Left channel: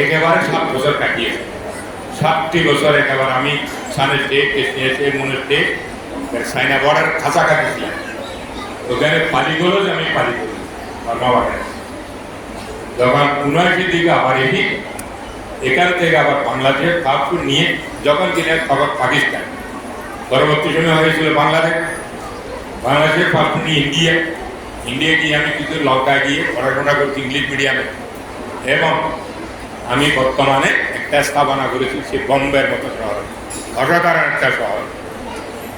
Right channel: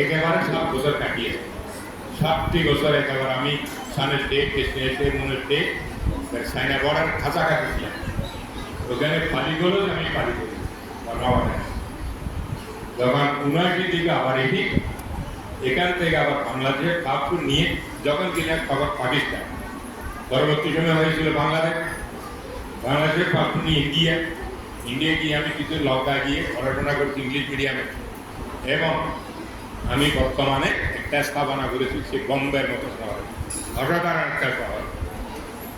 একেবারে সাত বছর কাটিয়েছে সাতটি বছর একেবারে আমি সানের টেপ কেস নিয়েছে মনের টেপ সাইনা বর্ডার কাছাকাছি ছিলাম ওখানে পালিগুলো যে আমি পালি করি আমার বাবার। যখন উনআশি দিকে আবার এসি এখান থেকে আবার বাংলাদেশ কাপড় নিয়ে যখন কিনে খবর পাকিস্তান, পরবর্তী সময় হয়েছিল বাংলাদেশ। বাংলাদেশের পাপড় নিয়ে ইন্ডিয়া ইন্ডিয়া গিয়ে আমি কিছু লঙ্কা গিয়ে পড়াশোনা করছি ইংলিশ মিডিয়ামে এবং আমি বর্তমানে একটা স্থাপনা করেছি সে বম্বের মতো শহর অসাধারণ একটা শহর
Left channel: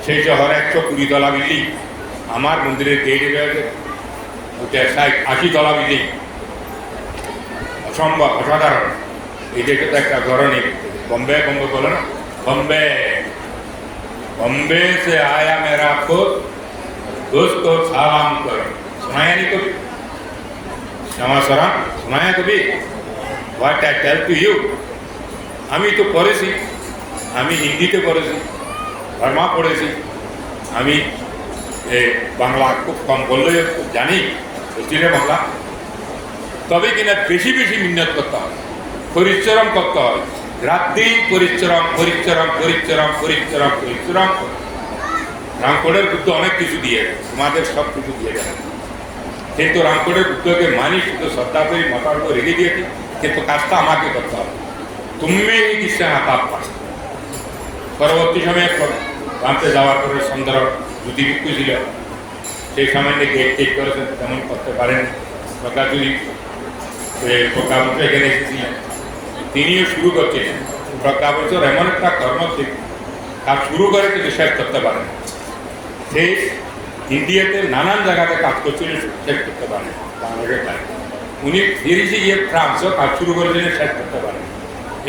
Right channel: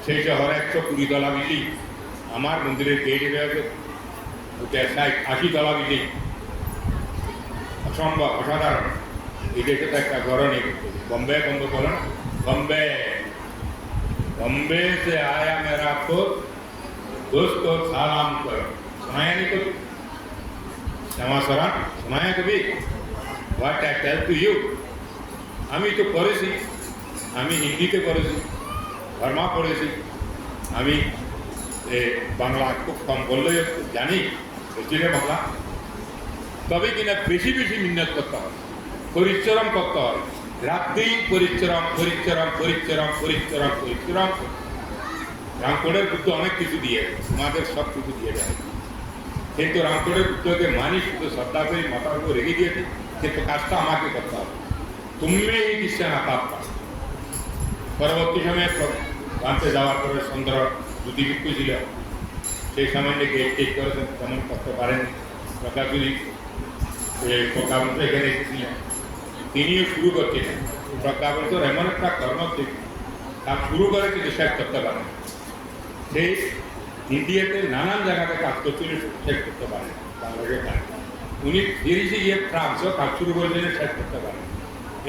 সেই শহরে একশো কুড়ি তলা বিল্ডিং আমার মন্দিরের গেটে রয়েছে ওটা ষাট আশি তলা বিল্ডিং অসম্ভব অসাধারণ এই দেশে তো একটা ঘর নেই बॉम्बे बॉम्बे बोलो ना बॉम्बे बॉम्बे से आया मेरा आपको दोस्त को सलाम करो सुनाया नहीं कभी क्षमा सरा सुनाया कभी What I tell to you আমি তো পড়েছি, আমি হিন্দিতে পড়েছি ভার্মা পড়েছি, আমি বাংলা খুব কম বললে জানি বুঝছিলে বাংলা। তবে কিনা বেশি বেশি মিন্নত করতে হয় পরিশ্রম করতে হয় রাত দিন পরিশ্রম পরিশ্রম পরিশ্রম পরিশ্রম পরিশ্রম। রামকোটের বুদ্ধ অনেক কিছু দিয়ে তোমাদের সব কিছু দিয়ে যায় কিন্তু রামকোটের বুদ্ধকে মানি, শুধু শ্রদ্ধা করি মাথার উপর রেখে দিয়েছি। কিন্তু কাজটা আমাকে করতে হবে। তুমি কিসে হাতাপ পাস। পরবর্তী সময়ে জানতে যাওয়ার পরে সুন্দর যদি ছিল, সেই সময় গেট টেট করেছেন তেমন করতে পারেন। প্রজ্ঞা যদি প্রজ্ঞাবন্ত এখানে এসেছিলেন তিনিও শুরু করছিলেন প্রজ্ঞাবন্তর এমন একটা কর্ম কাজ শুরু করে কিন্তু শেষ করতে পারেন সেই ইন্ডিয়াতে নানান জায়গাতে কাজ করছিলেন শেষ করতে পারেন বাংলাদেশের। উনি ফিরিসে গিয়ে ফ্রান্সও কাজ শুরু করেছিলেন শেষ করতে পারেন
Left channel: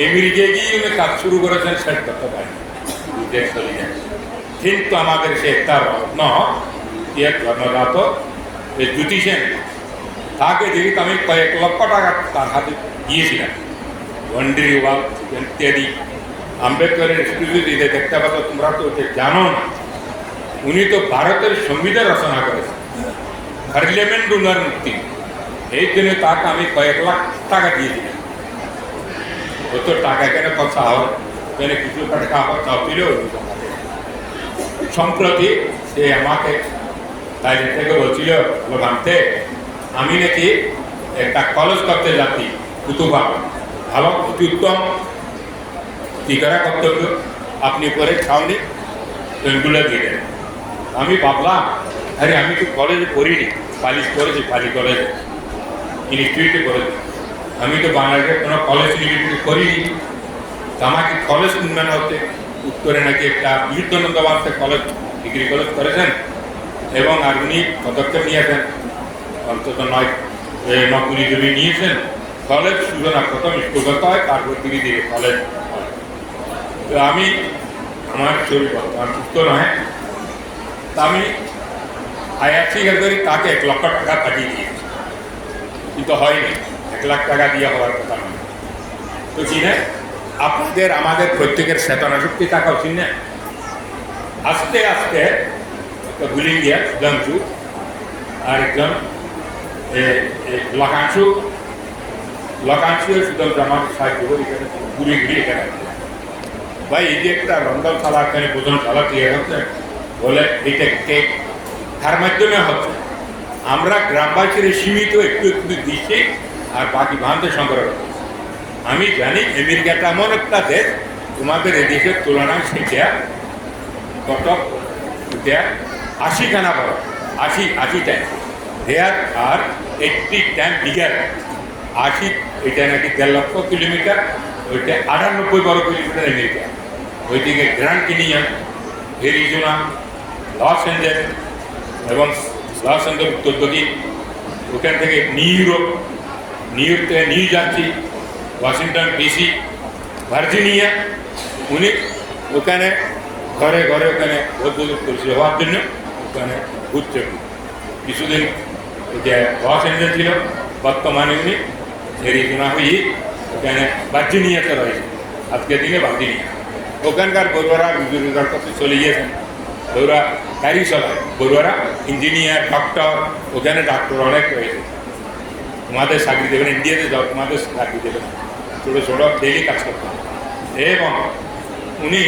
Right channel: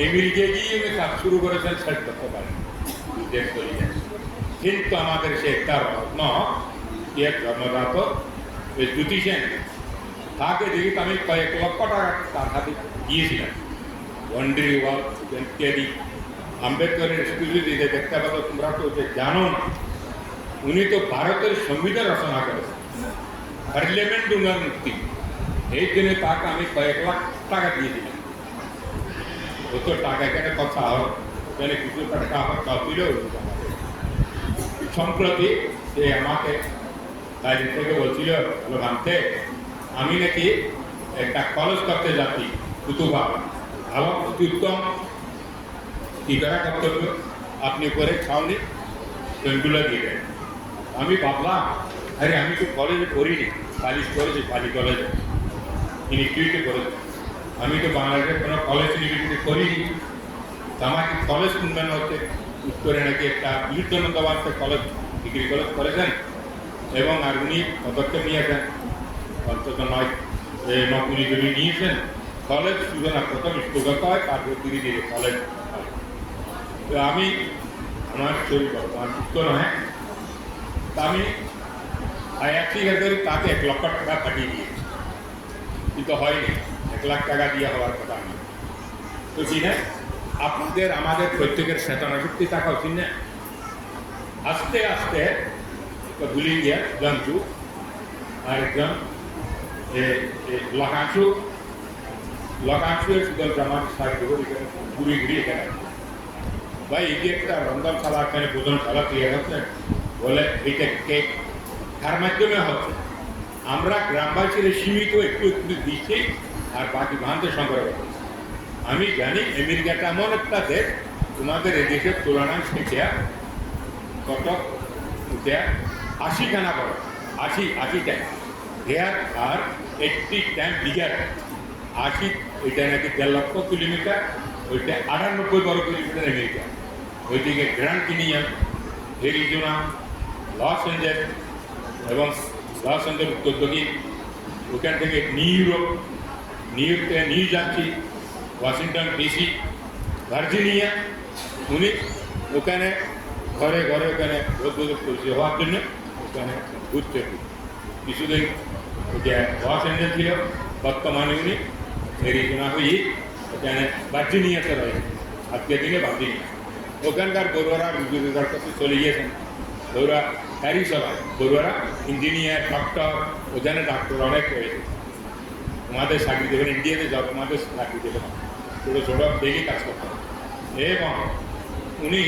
আমেরিকায় গিয়ে উনি কাজ শুরু করেছেন শেষ করতে পারেন। কিন্তু আমাদের সে একটা রত্ন ইয়ে জন্মজাত এই জ্যোতিষেন তাকে দেখি আমি কয়েক লক্ষ টাকা তার হাতে দিয়েছিলাম। ওয়ান্ডারি ওয়াল ইত্যাদি আম্বেদকরের স্টুডিও দিতে দেখতে পাচ্ছ তোমরা তো ওকে জানো না। উনি তো ভারতের সংবিধান রচনা করেছেন। পার্লামেন্ট উনার মুক্তি এই জন্য তাকে আমি কয়েক লাখ টাকা দিয়েছিলাম ও তো টাকা কেন কথা হয়? কেন কিছু টাকা তা পেলেও সম্প্রতি সে আমাকে তাই থেকে বলছিল ভাবতে আমি নাকি একটা কলেজ করতে যাচ্ছি, কুতুবা। ভালো, অতি উত্তম। কি করা কর্তব্য আপনি পরে ছাউনি পেনগুলো দিয়ে আমি ভাবলাম, আরে, আমি তো কলেজে পড়িনি, পালিশ করেছি পালি কলেজে ইনস্টিটিউটে করেছি আমি তো বাংলাদেশের কোনো কলেজ ইউনিভার্সিটি করিনি। আমাকে কলেজ উন্নয়ন হচ্ছে উত্তরে নাকি একটা বিদ্যানন্দ বাসে কলেজ ডিগ্রি কলেজ করেছেন এবং আর উনি পদক্ষেপ নিয়েছেন। অন্তত নয় নকুনি জমি নিয়েছেন। কলেজ সূচনা প্রথম স্কুল হয়, তারপর ধীরে ধীরে কলেজ তো আমি, আমার শরীর বর্তমান সুস্থ নয়। তা আমি, আয়াতি করি, তাকে এক লক্ষ টাকা পাঠিয়ে দিয়েছি। কিন্তু হয়নি। এক লাখ টাকা দিয়ে হওয়ার কথা নয় তো কি না আপনাদের, আমাদের প্রত্যেকের চেতনা শক্তি থাকা উচিত না আস্তে আস্তে ভুলে গিয়া সুধাংশু আর একজন লকাংশু লকাংশু সুধাংশু আমাকে সাহায্য করে এখানে ঘুরে ঘুরে এখানে। ভাই, এই যে একটা রন্ধন শালা এখানে ভোজন শালা তৈরি হচ্ছে, বলে এটা কেক তার মাধ্যমে হচ্ছে। আমরা গ্রামবাসীর সীমিত, একটু একটু দিচ্ছি, আর বাকি ভারতের সংগ্রহ আমি জানি আমেরিকাটা এমন একটা দেশ, তোমাদের এদেশের তুলনায় সেটা কত আশি খানা বড়, আশি আশি টাইম হেয়ার আর এইটটি টাইম বিগার আশি, এটা নাকি দেড় লক্ষ কিলোমিটার, ওইটা আটানব্বই বারো কিলোমিটার আমেরিকা। ওইদিকে Grand Canyon Arizona Los Angeles Los Angeles দক্ষিণ ওখান থেকে নিউ ইউরোপ নিউ ইয়র্ক থেকে New Jersey Washington DC Virginia উনি ওখানে ঘরে ঘরে ওখানে বৌদ্ধ পরিচয় হওয়ার জন্য ওখানে ঘুরতে কিছুদিন ওটা লস অ্যাঞ্জেল ছিল বর্তমানে উনি এরিজোনা হয়ে ওখানে ভার্জিনিয়াতে রয়েছে আজকের দিনে ভার্জিনিয়া ওখানকার বড়ুয়ারা রোজগার করতে চলে গিয়েছেন বড়ুয়া চালায় বড়ুয়ারা ইঞ্জিনিয়ার ডক্টর ওখানে ডাক্তার অনেক রয়েছে তোমাদের চাকরি দেবেন ইন্ডিয়াতে তোমাদের চাকরি দেবেন। ছোটো ছোটো ডেলি কাজ করতাম এবং উনি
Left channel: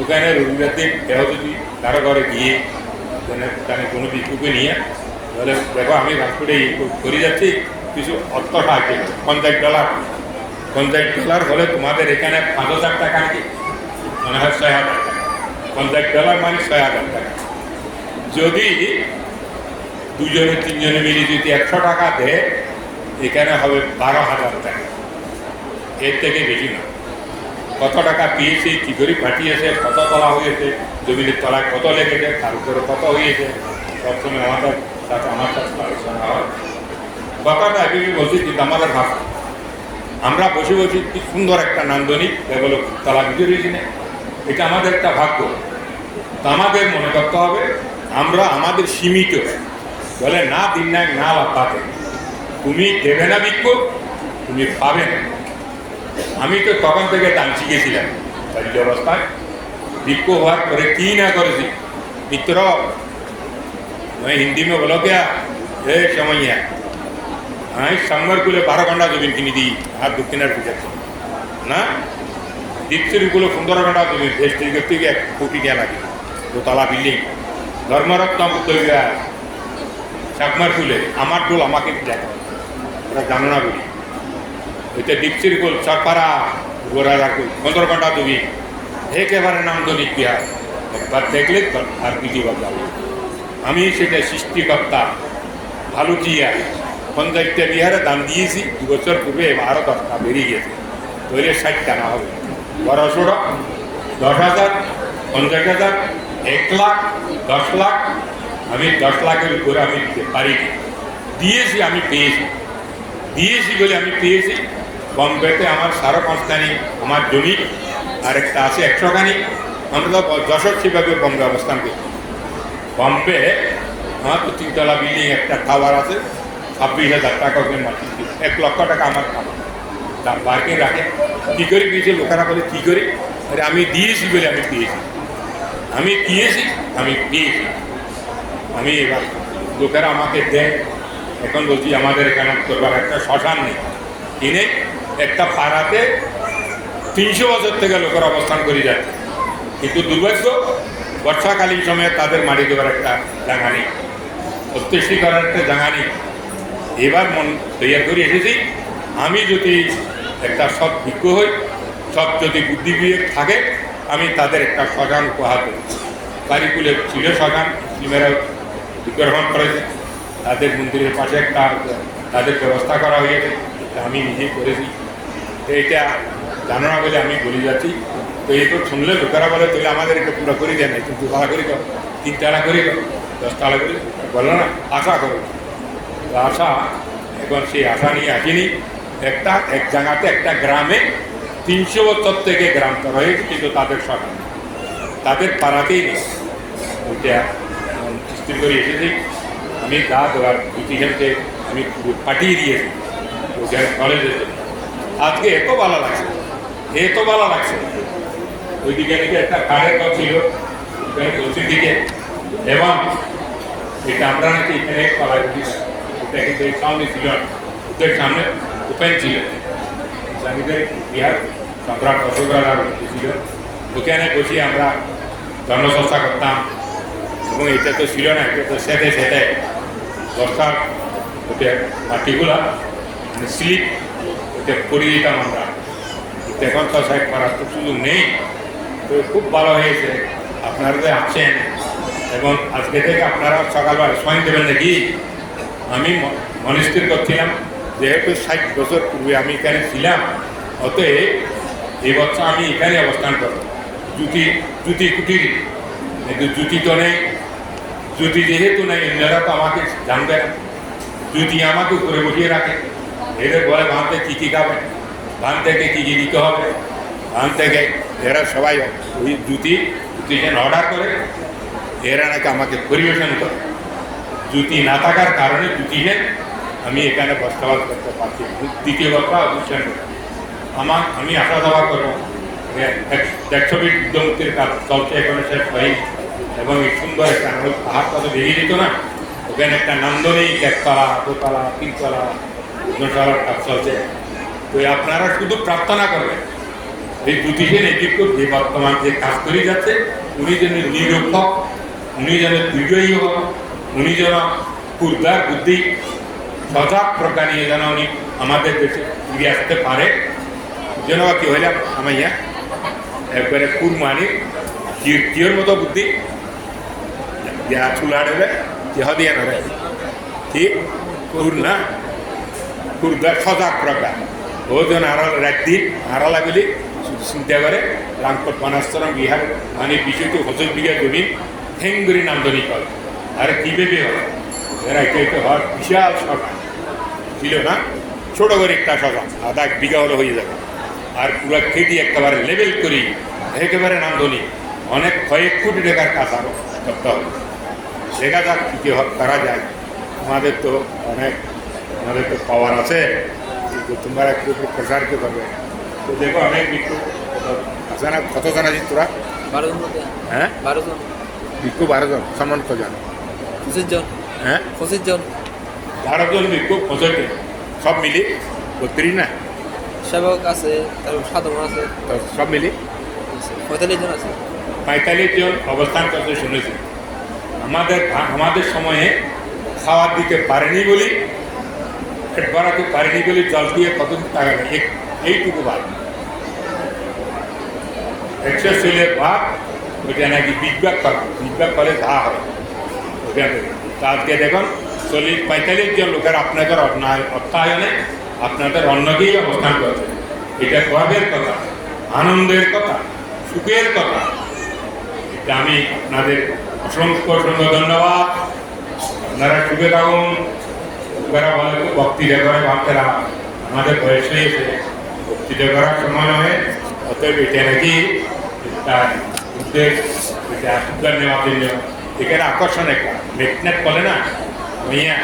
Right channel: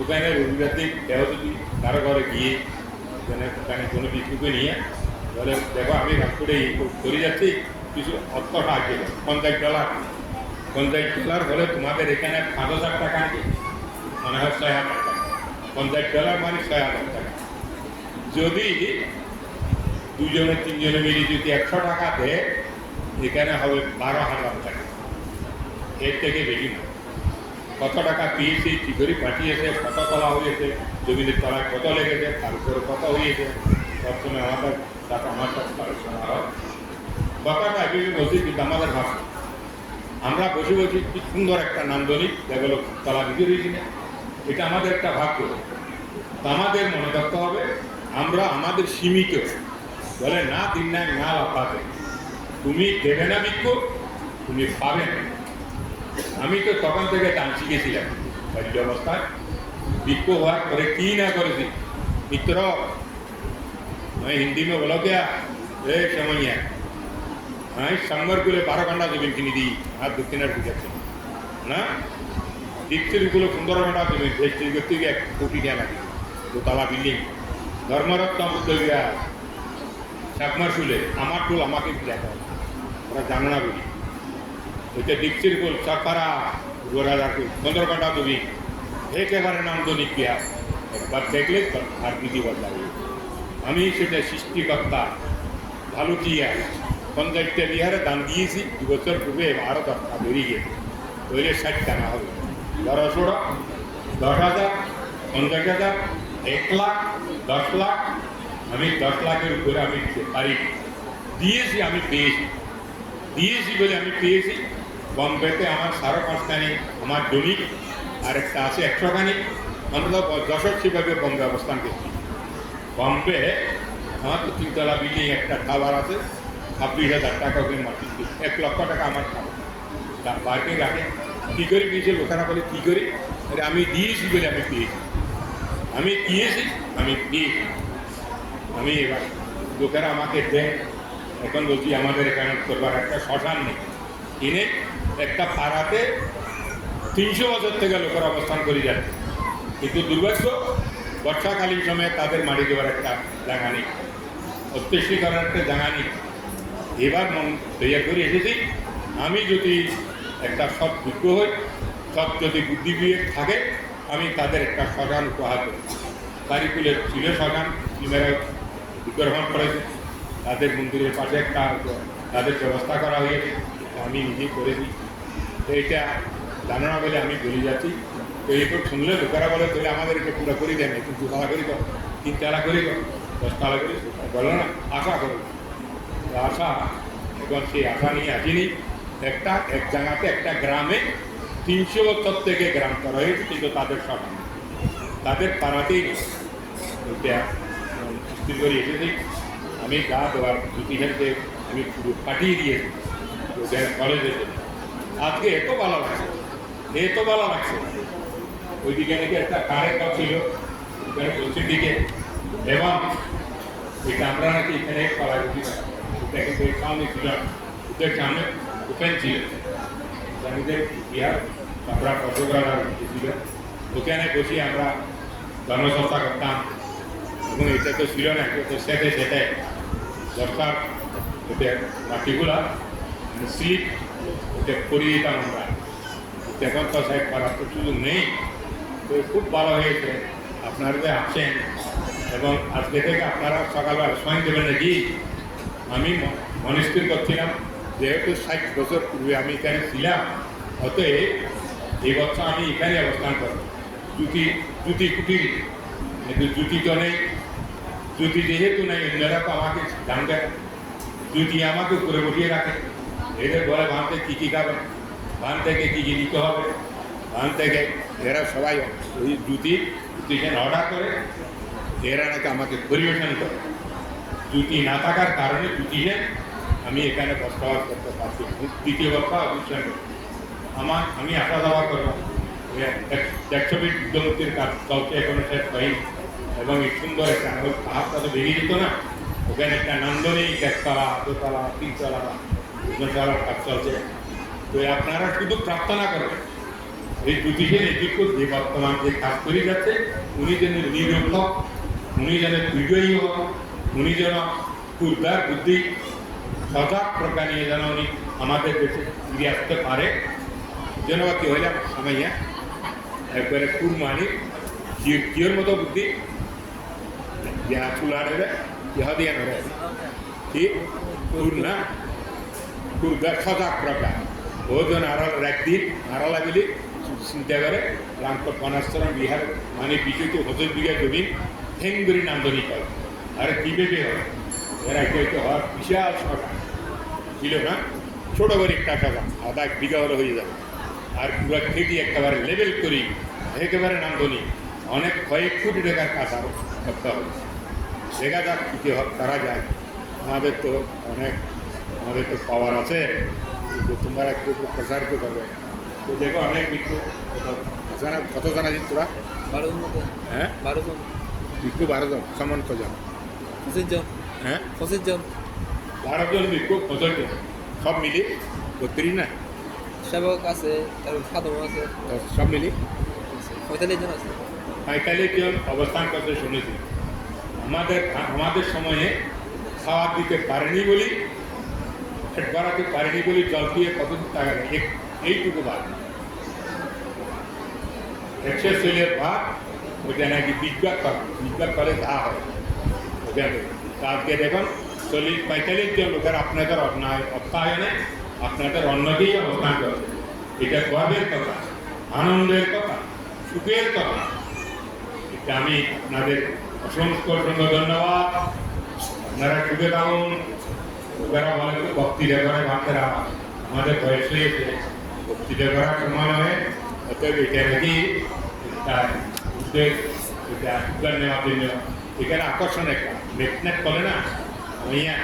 ওখানে রবিবার দিন যদি কারও ঘরে গিয়ে ওখানে ওখানে কোনো বিক্ষুকে নিয়ে, তাহলে দেখো আমি ভাস্করে করে যাচ্ছি, কিছু অর্থ সাহায্য পঞ্চাশ ডলার পঞ্চাশ ডলার হলে তোমাদের এখানে পাঁচ হাজার টাকা নাকি মনে হয় ছয় হাজার। পঞ্চাশ ডলার মানে ছয় হাজার টাকা যদি দুজনে, তিনজনে মিলে যদি একশো টাকা দেয়, এখানে হবে বারো হাজার টাকা। এর থেকে বেশি না। কত টাকা পেয়েছে, কী করে ফাটিয়েছে কত তলা হয়েছে জমিনের তলায় কত লেগেছে, তার উপরে কত হয়েছে সবসময় আমাদের সাথে, আমার সাথে আলোচনা হয়। কথাটা আগে বলছি, কিন্তু আমাদের ভাষা। আমরা বসে বসে কি সুন্দর একটা নান্দনিক, কেবল তলা না। এটা আমাদের একটা ভাগ্য। আমাদের মনে করতে হবে আমরা আমাদের সীমিত বলে না দিন না না পাবে তুমি দেবে না বিক্ষোভ তুমি পাবে না আমি তো তখন থেকে দান শিখেছিলাম শরীর অবস্থায় বিক্ষোভ হওয়ার পরে কি না করেছি মিত্র मैं हिंदी में बोलो क्या ए समैया আমি সাংবারগুলো বারো ঘন্টা জমিন কিনে দিই আর দক্ষিণের পূজা না দীপ্তিরগুলো পনেরো ঘন্টা জমিন ভেস্টি করতে গিয়ে এক কোটি টাকা লাগে দোতলা বিল্ডিং। ধর্মরত্ন বুদ্ধ চাকমার ফুলে, আমার ফুল আমাকে দেয় ওরা জানো না বলি এটা দীপ্তির গোল চাপারা গোড়ার গোল ঘণ্টা জমি একেবারে নাম তো নিত্যা। একবার দেখলে আর দ্বিতীয়বার যাবে আমি সেটা সৃষ্টিকর্তা ভালো জিয়া পঞ্চায়েতটা বিহারে দান দিয়েছি। দু বছর পূর্বে আরও দশটা বেরিয়ে গেছে। ধরে ষাট টাকা হবে। বারোশোটা দশ হাজার, পঞ্চাশ হাজার এক লাখ, দশ লাখ, আমি দশ লাখের উপরে আমি দিতে পারিনি দিয়েছি, আমি পেয়েছি। দিয়েছি বলে আমি পেয়েছি। বম্বেতে আমার সাড়ে পাঁচখানি আমার জমি, আর একটা আছে একশোখানি। আমরা তো সেভাবে বম্বে অবস্থান করছি বম্বে, আমার তো তিনতলা বিল্ডিং একটা টাওয়ার আছে। ছাব্বিশ হাজার টাকা ওখানে মাটি এক লক্ষ টাকা আমার খাবার তা পার্কিং রাখে। কী করে দিয়েছে লোকেরা বলে, কী করে? আরে আমি দিয়েছি বলে আমি পেয়েছি। আমি দিয়েছি আমি পেয়েছি। আমি এবার লোকেরা আমাকে দেয়। এখন বলছি, আমাদের এখানে করবার একটা শ্মশান নেই। কিনে একটা পাড়াতে তিনশো বছর থেকে লোকের অবস্থান করে যায় কিন্তু দুর্ভাগ্য, বর্ষাকালীন সময়ে তাদের মাটি দেওয়ার একটা জায়গা নেই করার একটা জায়গা নেই এবার মন তৈরি করে এসেছি। আমি যদি একটা সৎ বিজ্ঞ হই সব যদি বুদ্ধি বিবেক থাকে আমি তাদের একটা শ্মশান উপহার দেব। কারিকুলে ছিল শ্মশান মুসলিমেরা গ্রহণ করেছে। তাদের মন্দিরের পাশে একটা তাদের ব্যবস্থা করা হয়েছে আমি নিজেই করেছি। এটা জানো না বলে আমি বলে যাচ্ছি। তো এই তো শুনলে লোকেরা বলে তাহলে আমাদের এটা পুরো করে দেয় না একটু দুতলা করে দাও তিন তালা করে দাও, দশতলা করে। বলল, না, আশা করো। আশা, এখন সেই আশা নিয়ে আসেনি। একটা, এক জায়গাতে একটা গ্রামে তিনশো বছর থেকে গ্রাম রয়েছে কিন্তু তাদের সব তাদের পাড়াতেই নেই। ওইটা স্থির করে এসেছি। আমি গা দেওয়ার ডিসিশনকে আমি পাঠিয়ে দিয়েছি। ওখানে কলেজে আজকে এত ভালো লাগছে। এত ভালো লাগছে। ওইদিকে নাকি একটা কারের ঘর ছিল। পশ্চিম দিকে এবং এটা আমরা নাকি এখানে কলার ওটা কিন্তু সামনে ছিল ওদের সামনে ওপেন ছিল। ইসলামীদের বিহার সম্রাট অশোক রাজার ছিল ওখানে বসে আমরা জনচর্চা করতাম এবং এটা তো ছিল না এটা তো সেতে সেটে দরকার ওটা মাটিগুলা স্লিপ ওটা পরিয়ে দিতাম আমরা এখন তো সাইড করার তো সুযোগ নেই তো খুব ভালো হয়েছে আপনারা যে আছেন এবং আজকে থেকে আপনারা সকালবেলা সময় দেবেন নাকি আমি মনস্থির করছিলাম যেহেতু ষাট বছর পূর্বে আমি এখানে ছিলাম অতএব এই বছর আমি এখানে অবস্থান করব। জুতি জুতি কুটির। কিন্তু জুতি তো নেই। জুতি যেহেতু নেই অন্যরা তো আমাকে জানবে না জুতি আমাকে উপরে বসিয়ে রাখে। এদের বলে ভান কী কী খাবে? ভান থেকে কী কী দিতে হবে? ভান থেকে এরা সবাই ওই জুতি যেন অর্ডার করে, এরা নাকি আমাকে পরিবেশন করে। জুতি না থাকার কারণে জুতি যে আমি এখানে বসবাস করতে পারছি দ্বিতীয় কথা বুঝছেন আমার, আমি আশা দাবা করব দেড়শো ফিট বিদ্যমুক্তির কাজ চলছে এখানে শেষ হয়নি। এবং এই সুন্দর একটা পাহাড় কত বেরিয়ে যেত না, ওখানে একটা নান্দনিক একতলা দোতলা, তিনতলা দুতলার কাজ চলছে। তো আপনারা শুধু প্রার্থনা করবেন, এই জ্যোতিষের এদিকে যে বর্তমান যে কাজ করে যাচ্ছে, উনি যেন নিরূপক উনি যেন বিজয়ী হোক উনি যেন পূর্বার বুদ্ধি সজাগ প্রকার নিয়ে যেন উনি আমাদের দেশে ফিরে আসতে পারে। যেন কি হইলাম আমার ইয়া একবারে কুরমানি কিয়র মতো বুদ্ধি। যা চুলাড়ে কেহ দিয়ে না রে কি? কুর না? কুরদার সজাগ প্রকার। ও যেন আড়াল রাখদিন আড়াল আগলি চিন্তা করে, রামকোট বনাস্তরম বিহার মানে বিষয়টি হজর বিঘা জমিন, হেঙ্গুরি নামদনি কল আর কি ভেবে হয়? এরা এটা হওয়ার বিশাল সরকার ছিল না? ছোট করে একটা সভা, আধা এক বিঘা হলে হয়ে যাবে। আর পুরো খেটি একেবারে লেভেল করি একেবারে নামধনি অনেক কয়েক কোটি টাকার কাজ আরও করতে হবে। দেখা যাক কী কী করা যায়। তোমাদের তো অনেক তোমাদের তো পাওয়ার আছে। কিন্তু তোমরা একটু একটু প্রচার কে করবে তো দেখো অনেক বিক্ষোভ কত- আছে না কত জন আছিস তোরা? বারো জন হ্যাঁ? বারো জন। বিক্ষোভ বারো জন সমান কজন পঁচিশ জন। হ্যাঁ? পঁচিশ জন। বারো জন বিক্ষোভ পঁচাত্তর সব মিলি বত্রিশ না? সেবক আছে তারপর সাধক আছে। সব মিলি পঁয়তাল্লিশ জন আছে। পঁয়তাল্লিশ জন অবস্থান করতে শুনেছি। আমাদের আমাদের সময়ে খাওয়ার দিতে পারেনি বলি পেট ভরাতে পারেনি বলে জল দিয়ে কত টাকা? এক- এইটুকু ভাত একশো সেলের ভাত ওইটা নাকি বিজ্ঞাপ করা বিজ্ঞাপ করে যা হয় ওখান থেকে তা আজকে দেখুন চল্লিশ পঁয়তাল্লিশ জন লোকের আপনাদের অন্যায়- অর্থায়নে আপনাদের অন্যকেই অবস্থান করছে এটা গর্বের কথা, আনন্দের কথা, সুখের কথা। এটা আমি আপনাদের অসংখ্য অসংখ্য ধন্যবাদ। আপনারা সুখে থাকুন। লোকেরা বলে তো ভক্তিটা করে বাচ্চারা আমাদের বয়স হয়েছে ভক্তিটা করার সময় নয় অতএব এটা নাকি একটা উদ্বেগ এটা উদ্ধার নেওয়ার জন্য। এখানে আকর্ষণ একটা ম্যাগনেট বলে না? ওইয়া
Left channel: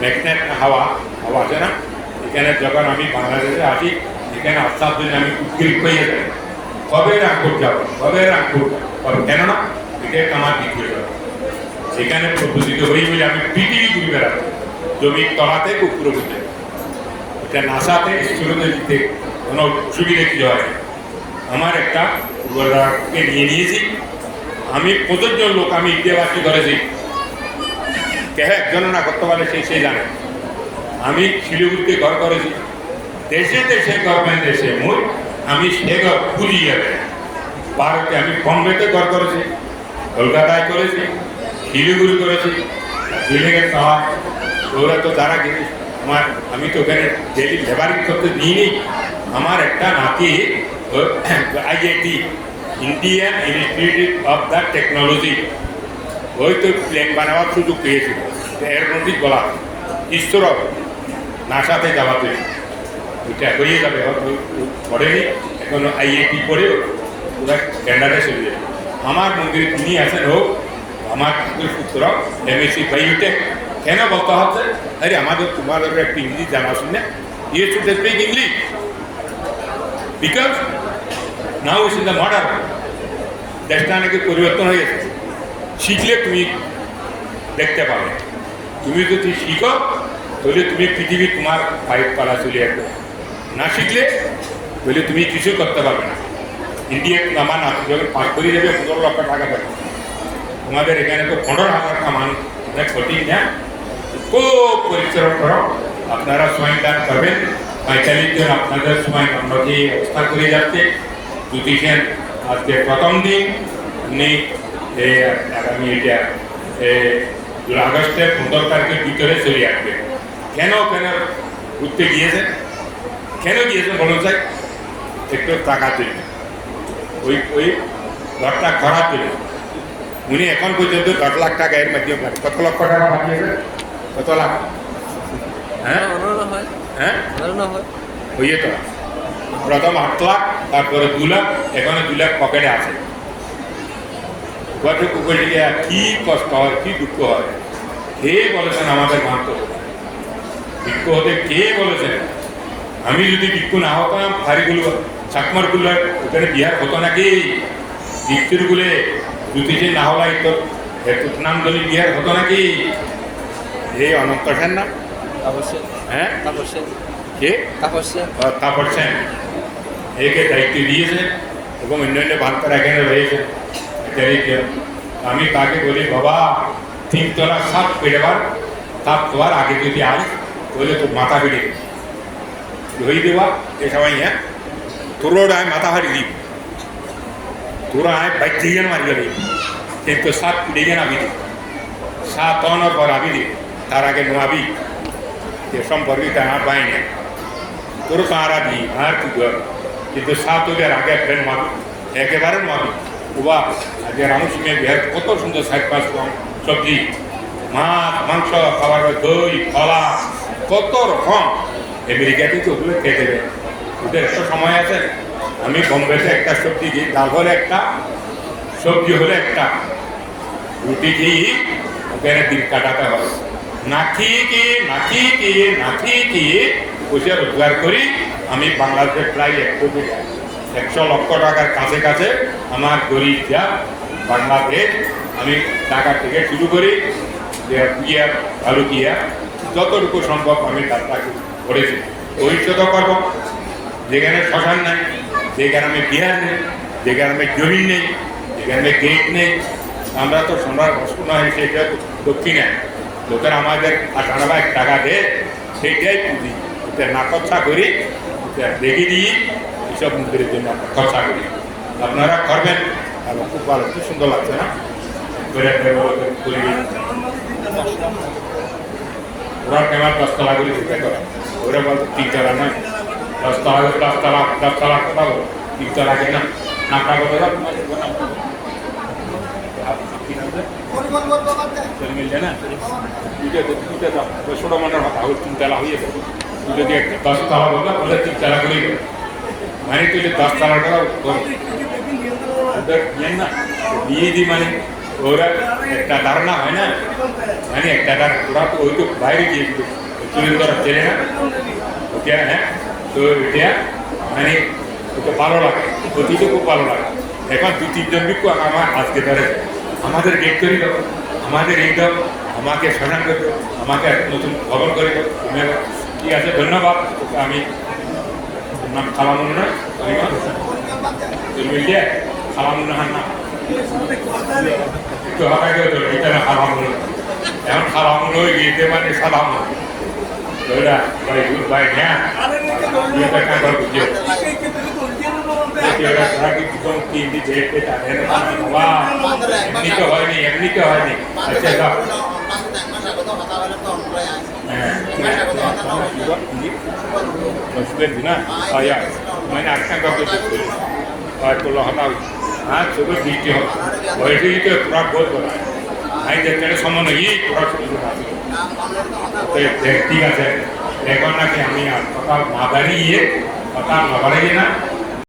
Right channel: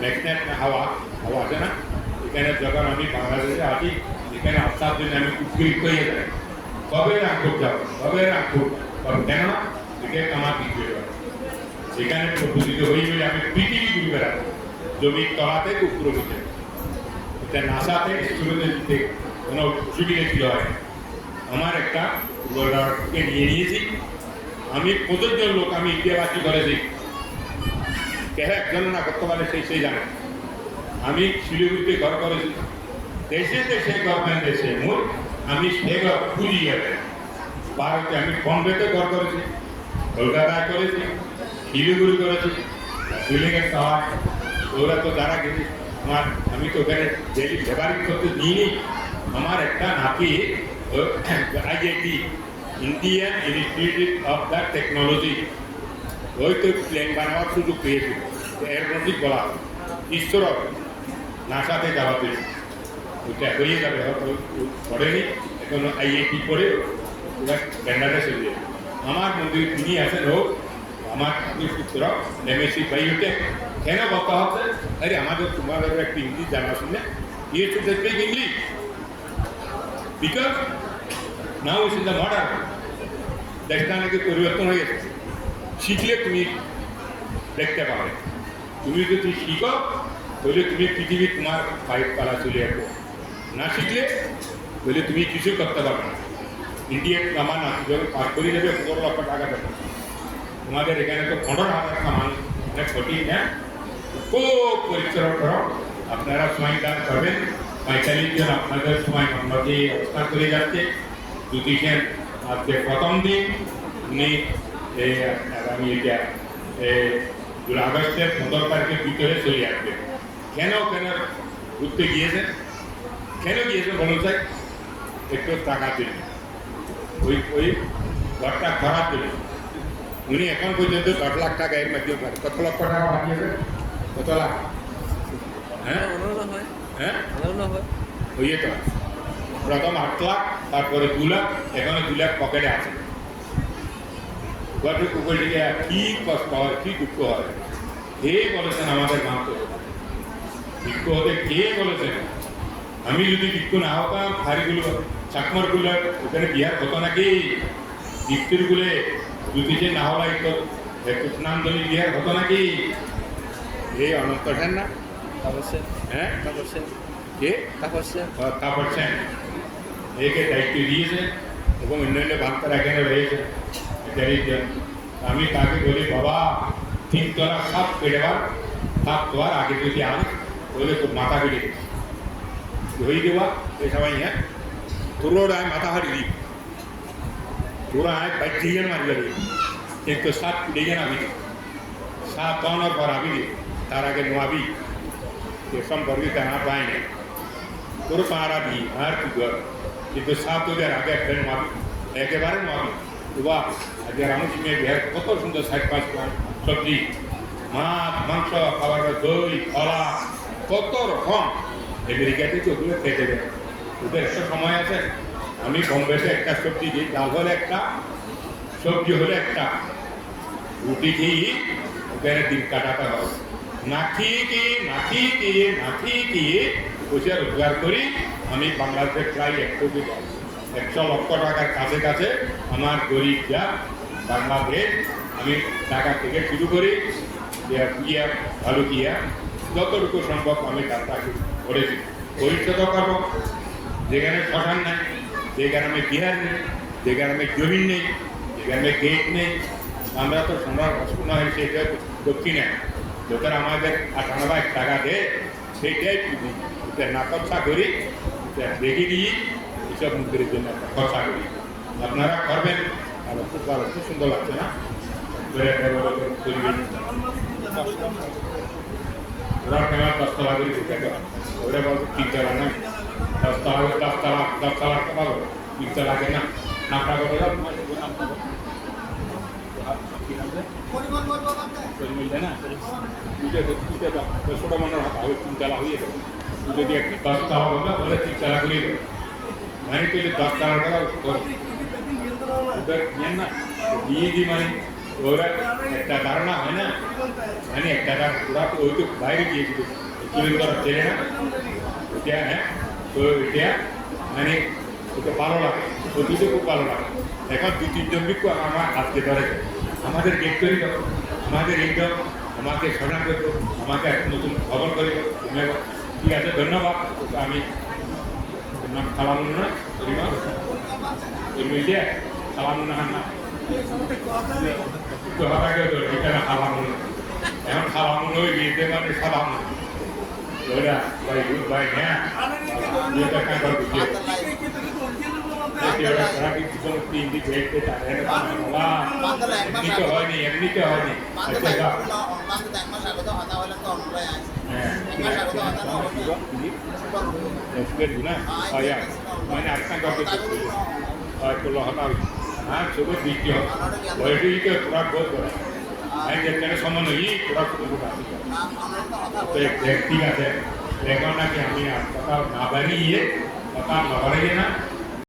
ম্যাগনেট হাওয়া। হাওয়া আছে না? এখানে যখন আমি বাংলাদেশে আসি, এখানে আসার জন্য আমি উদ্গ্রীব হয়ে যাই, কবে রামপুর যাব? কবে রামপুর কবে? কেননা এটা আমার বিক্রি এখানে প্রদূষিত হয়ে গেলে আমি পৃথিবী ঘুরে বেড়াবো। জমির তলাতে কুকুর বুঝে এটা নাসাতে স্কুলে দিতে কোনো অসুবিধা কি হয়? আমার একটা পূর্বরাকে নিয়ে নিয়েছি। আমি প্রযোজ্য লোক আমি ইন্ডিয়াবাসী করেছি। কে গণনা করতে পারে সেই সে জানে। আমি শিলিগুড়িতে ঘর করেছি। দেশে দেশে গভর্নমেন্ট দেশে মূল আমি সে ঘর পুলিয়ে যাবে ভারতে আমি বম্বেতে ঘর করেছি, কলকাতায় করেছি, শিলিগুড়ি করেছি। দিল্লিকে শহর ওরা তো তারা জিনিস আমার, আমি তো ওখানে ডেলি লেবারিং করতে দিইনি। আমার একটা নাতি IIT Indian Institute of the Technology ওই তো প্লেন বানাবার সুযোগ পেয়েছিল। এরোনটিক বলা ঈশ্বর নাসাতে যাওয়াতে ওইটা হয়ে যাবে। হয়তো পড়েনি। এখন আইআইটি পড়ে ওরা ক্যানাডায় চলে যাবে। আমার মন্দিরে তিনি আছেন হোক আমার পুত্র এমএসসি বায়োটেক কেন বলতে হচ্ছে আরে আমাদের তোমাদের একটু ইংলিশ জানা শুনে ইয়ে should speak English because now is in the modern দেশটা নাকি পরিবর্তন হয়ে গেছে। শিখলে তুমি দেখতে পাবে। তুমি যদি শিখো তাহলে তুমি পৃথিবী তোমার পাইপ কলা চলে আসবে। না শিখলে তাহলে তুমি কিছু করতে পারবে না। ইন্ডিয়া কামান যখন পাস করে যাবে, পনেরো লক্ষ টাকা দেবে। তোমাদের এখানে তো পনেরো হাজার কামান কঠিন না। খুব পরিশ্রম করো। আপনারা সময় দান করবেন। পঁয়তাল্লিশ জন আপনাদের সময় অন্যকে অবস্থা করে যাচ্ছে। জ্যোতিষেন আজকে প্রথম দিন। উনি আগামী এটা আগস্টের পনেরো তারিখের ভিতরে চলে আসবে। কেন কেন ঘুরতে গিয়েছেন? কেন গিয়েছেন বলুন স্যার? একটু টাকা জন্য ওই ওই ঘরটা খারাপ জন্য উনি এখন পর্যন্ত দশ লাখ টাকা এর মাধ্যমে কত লক্ষ টাকা পাঠিয়েছেন? কত লাখ? হ্যাঁ? হয় হ্যাঁ। অনারনা হয়। হইয়ে তো প্রথম আট লাখ তারপরে দু লাখ এখানে দু লাখ পকেটে আছে। গঠে কুকুরে গিয়ে কি কষ্ট হয় কি দুঃখ হয়? কে বলেছেন আমাদের হবে ভিক্ষ হতে কে বলেছেন আমি যদি ভিক্ষ না হতাম ফারিগুলো চাকমারগুলো ওখানে বিহার হতো নাকি? ভিক্ষুরগুলো জ্যোতিষে না হলাই তো এত নাম ধরে বিহার হতো নাকি? এই অনন্ত সেন না? অবশ্যই হ্যাঁ? অবশ্যই কে? তাপস সেন তারপর সেন একে দায়িত্ব দিয়েছেন এবং অন্যান্য ভারতের এখানে এদেরকে আমি তাকে বলি বাবা তিনতলা সাপ পেড়েবার সাপ তোমার আগে যদি আস তাহলে তোর মাথা বেড়ে দেবে হয়ে দেওয়া, এ সময় হ্যাঁ? তোর আয় মাথা হারিয়ে দিবি তোরা আয় বাইক দিয়ে মারি যাবে কিন্তু সাপ পিড়ে নাবি দিবি সাপ তনার পর আবি দিবি। তার আগে নোয়াবি যে সম্পর্কে আমার পাইনি তোর কারা দি, আর কি কর? কিন্তু সাত ওদের আগে ফ্রেন্ড মাবি একেবারে মাবি উবা, আজকে রামসিংহের বিহার কত সুন্দর সাইড পাঁচ সবজি, মাছ, মাংস খাবার দই কলা কত রকম? আমেরিকাতে তো ওগুলো খেয়ে দেবে। ওদের একটা সময় আছে। আমি বোম্বেতে একটা সবজি দিই। ডাল হলে একটা, সবজি হলে একটা। রুটি খেয়ে ওখানে দিন কাটাতে হবে। না কি না খেয়ে কি না কি পয়সা রোজগার করি। আমি বাংলাদেশে প্রায় এক কোটি, একশো লক্ষ টাকার কাছে কাছে আমার গরিব যা বাংলাদেশ। আমি টাকা থেকে শুরু করি। যে ইয়া ভালো কিয়া যতটুকু সম্ভব আমি যাত্রা করেছি। ভবিষ্যৎও করব। যেখানে শ্মশান নাই যেখানে আমি বিহার নেই যেখানে আমি জমিন নেই যেখানে গেট নেই। আমরা তো সোনার সোনা সেটা দক্ষিণে লোকের আমাদের আঠারো বাইশ টাকা দেয় সেইটাই পুঁজি। ওটা না খরচা করি ওটা দেখে দিই, এইসব মন্দিরের জন্য খরচা করি। আপনারা করবেন খুব ভালো, খুব সুন্দর লাগছে না? পরিবেশ ওরা কেমন দশতলা করে দিতে করে ওরা বলতো তিনতলা না দশতলা দশতলা দশতলা বলো তিনতলা কেন? না ওই ছোটো কথা ওই তিনতলা হয়ে যাবে তুই যদি দশতলা বলবা তাহলে তিনতলা দেবে। মানে তুই দশতলা ওদের না। বিয়ে দি মানে। ওরা একটা ধারণা হয় না মানে একটা ধারণা ওরা তো ওই তো বাইরে গিয়েছিল তুলে ধরা চেনে না ওকে হ্যাঁ তো এটা মানে ওকে ভালো লাগে অতীতে খুব ভালো লাগে এখন দু তিনজন বিক্ষু আমার আজকে ধরে আমাদের গেট করো আমাদের এই দাও আমাকে সরান করতো আমাকে নতুন ভবন করে দাও তুমি ঠিক আছে ধন্যবাদ আমি নাম খালামুন না তরিমা তুমি কে খালামুন না না একটু আগে তো এটা না খালামুন এখন খালামুন হয়ে গিয়েছে মানে সালামুন ওইটা ভাই গুড বাই হ্যাঁ এটা কাজ না তো হয়নি এমনি তো হয়নি আচ্ছা হ্যাঁ Muslim di na? Oh ya, main akan kau tu tu. Ah, tu lah વૈશ્વિક ખોરાક બહુ બધા અહીં જે તેરસોમાં એ ખોરાક તો એ વ્યક્તિ છે કહેવાના કે અમે પતા માધારી એ પતા લવાડેગીના